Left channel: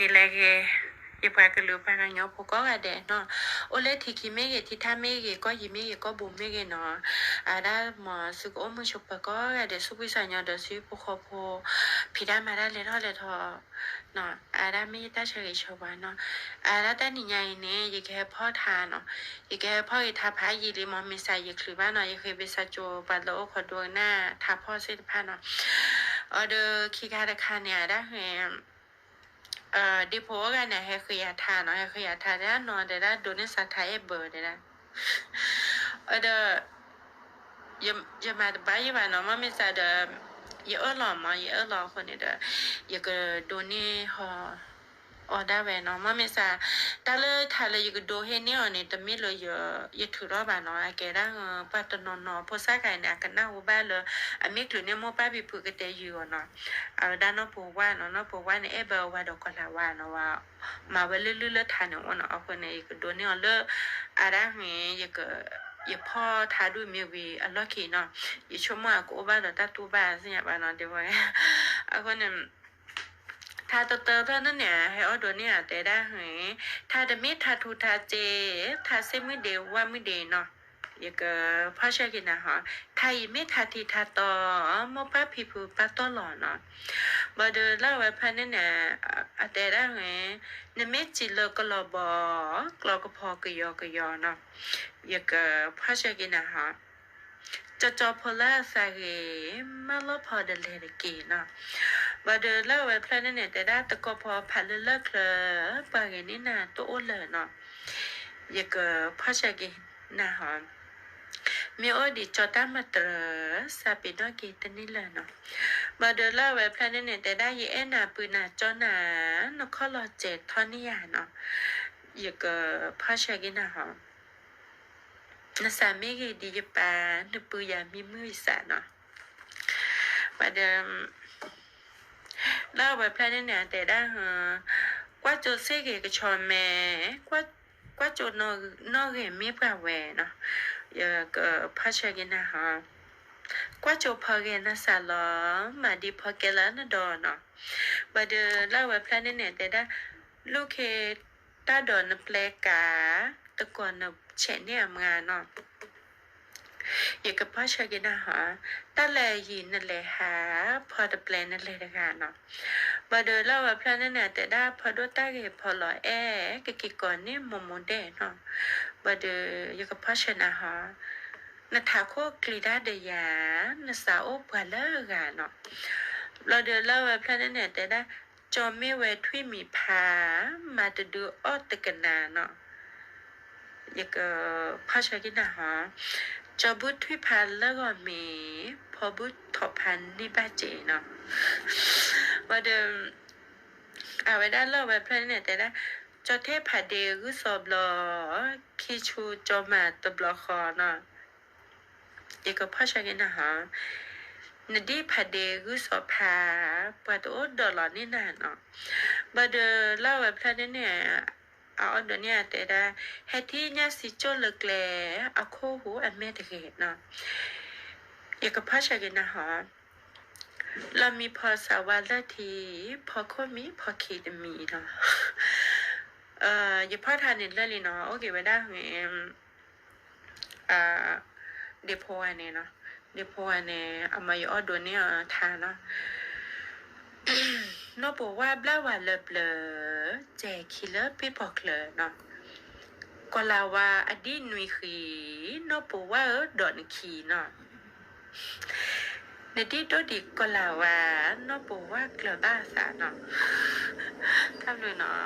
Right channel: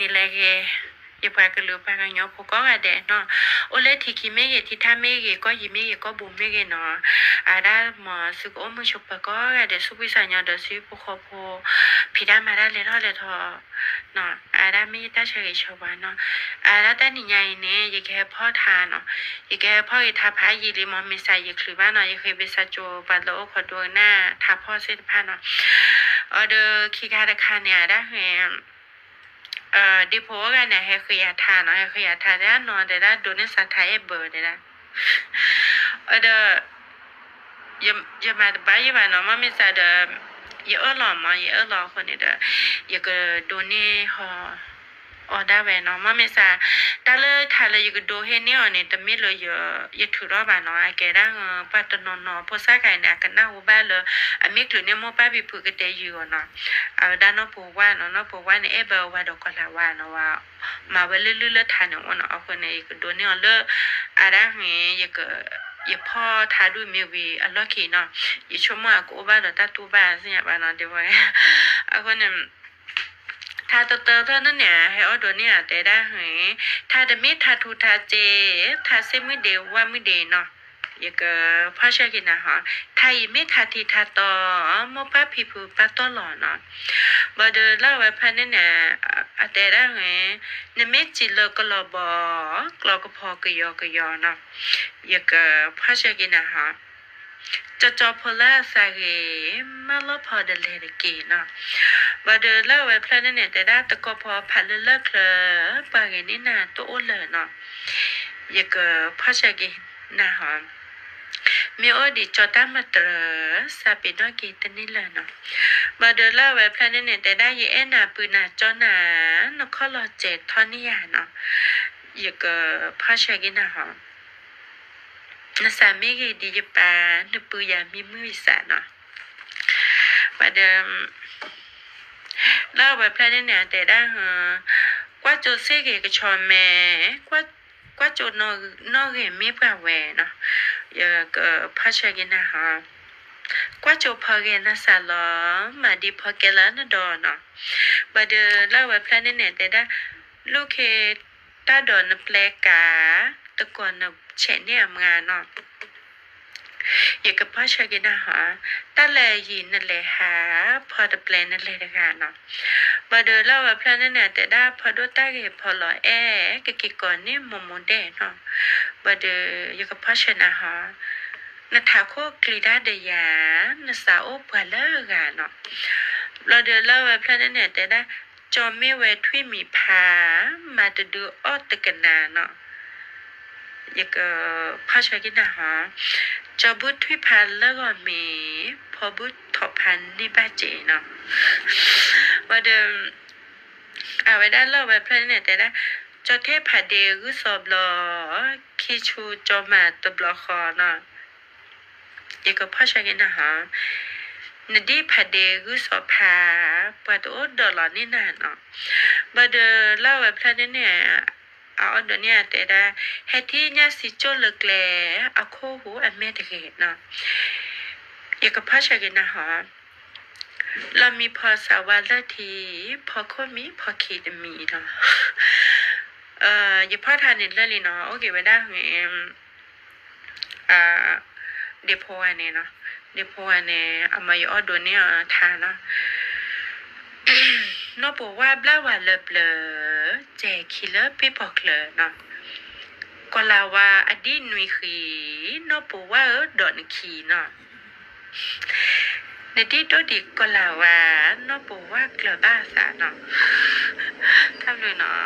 นี่แหละแกอย่าพากันรู้พากันยอพก็กระเดเนาะโอเลทีคิเมเกที่ท่าเมเกก็ยิเมเกก็บุมเมเกเนาะอาดาหมอสุกโอมชุบปะก็กระเดสุพิสัญญาเดสุปขโพพิดามาได้เลยเท่าเลยทอเนาะอาดาไม่ได้เฉยชวาเนาะอาดาแต่นี่ใหญ่เนี่ยยังแค่พ่อทานเนาะยังแค่พ่ออีทาพายีริมอมิสายยังคือบ้านเนาะยังเคยไปสัจโจบัดโลขอดวงหน้าทาพ่อเสด็จพาเนาะเดอคีคาตะคาเนี่ยได้เห็นดิโพกันเนี่ยให้ขยะทานเนาะให้ขยะทานได้นอนได้โดนสัตย์ไทยเบอร์ได้เดอย่ามาบ้านอย่ามาเนาะมันไม่ใช่เดอย่าหล่อมาอย่าหล่อคนนี้เดอย่าก็โดนนี่ฮอได้เว้เนาะมันไม่ใช่แต่เลยถ้าเลยอย่าก็โดนเห็นเนี่ยเนี่ยแต่ไม่เลยอย่าถือรอบบ้านเนาะแกได้ปัตตนนพอสักไงเนี่ยกันหน้าหัวบ้านเลยไม่ถือเนี่ยมั่วป้าไปผูกกันเตยอยู่เนาะด้านนอกผูกว่าเนาะนอกผูกว่าเนี่ยเบลว่าดอกกลาว่าเนาะว่ามาเวลลื่นๆทานเนี่ยว่าเนาะเอาคนเนี่ยก็โดนเนี่ยเลยอะไรเงี้ยอย่าก็อย่าพ่อทาดูมีวีอันล็อกกี้เนาะอย่าชมว่ากูบ้านเราตาตูบ้านสิเนี่ยบ้านเนาะเดี๋ยวไว้เอาคนเนี่ยถ้าตัวเตอเท่านั้นเนี่ยให้เอาตัวเนี่ยแต่ได้เหรอถ้าจะไม่ถ้าทูถ้าเจถ้าเซไม่เดียวว่าไม่เดียวเนาะอย่าก็พ่อเชื่อกินนะฮะถ้าไม่ถ้าทีถ้าต่อมอป้าพี่ผู้ป้าต่อหล่อเนาะบ่เดอเล่าไว้พันเนี่ยแต่ได้เหรอเนี่ยไม่จีเลิกก็รอบกรอก็พอก็ยอเนาะอย่าก็พ่อเชื่อกินนะฮะจะพอละสาเหมาลพอเดเลเกเนาะบ่เดอเล่าไว้พันเนี่ยแต่ได้ตะก็พอพันเลิกเลยปากนี่นาตัวเลยเนาะอย่าก็พ่อเชื่อกินนะฮะมีโอดีจอตามาตรสาปิดว่ากีตนี่เลยเนาะมาเดินเล่าไว้พลาดเนี่ยแต่ได้ยีเอ็นาปืนนาจอหนานกข้อรอเจ็ดท่อนี่ยาเนาะอย่าก็พ่อเชกินนะฮะนาสามีกีดีจปานปืยามีมือสาเนาะมาเดิมเล่าไว้พลาดเนี่ยแต่ได้ฮะกว่าจะเสกก็ชอนแม่กว่าจะนอกเห็นมีปะแหวเนาะอย่าก็พ่อเชกินนะฮะกว่าจะพอเกนะสาลอมาดีพอเกล้านดอนเนาะบัดเดเล่าไว้พลาดเนี่ยแต่ได้ลูกเคตาดอนแปลกาตะกอนนะเฉเนี่ยงานเนาะอย่ากับพ่อเชกินนะฮะตาแลยินนั่นแหละหาพอตะแปลนั่นแหละนะคะเนาะบัดเดเล่าไว้พลาดเนี่ยแต่ได้พอดูตาเกพอลอยกะกิก่อนนี่มเดเนาะบัดเดอย่ากับพ่อเชนะฮะนาทาโคกลีดาเดียนาสาวปวาเลกาเนาะเราเดินเล่าไว้พลาดเนี่ยแต่ได้จอมไม่ไว้ทวีมีพามาจะดูออตกันนาเนาะอยากพ่อชายกินนะฮะจอบุตรทวีพันแล้วก็มีพอบุตรถอพันนี่บ้าเจเนาะว่าเดิมเอาไว้ได้เล่าไว้พลาดเนี่ยแต่ได้จอเทพผาเดกุสอบลอคีชูจอมาตบลอคอเนาะอย่าก็พ่อชายกันนะฮะนดีพาเดกุสอพาปะตัวดอลลาร์นี่นานเนาะบัดเล่าไว้พลาดเนี่ยเอาเดี๋ยวนี้แต่ได้เฮที่เนี่ยสิโจเลิกแลเอาโคหูอันแม่ตะเกตเนาะอย่าก็พ่อชายกันนะฮะเรามีพอสาวาลทีพอโคมีพอขีดมีเนาะอย่าพ่อทานเนี่ยเลยเนาะโอเคไว้ได้ไงเดโพอันเนี่ยเนาะเดโพอันเนี่ยเอามาอยู่อดเนี่ยทานเนาะนอบอกว่าบลาว่าเบลแจคิเลปีบอกเลยเนาะก็ลาว่าอดีตนุยขีนอบอกว่าดอนขีเนาะในที่ตัวดิก็ลาว่านอบอกว่ากลบ้าสาเนาะทำเลยเนาะ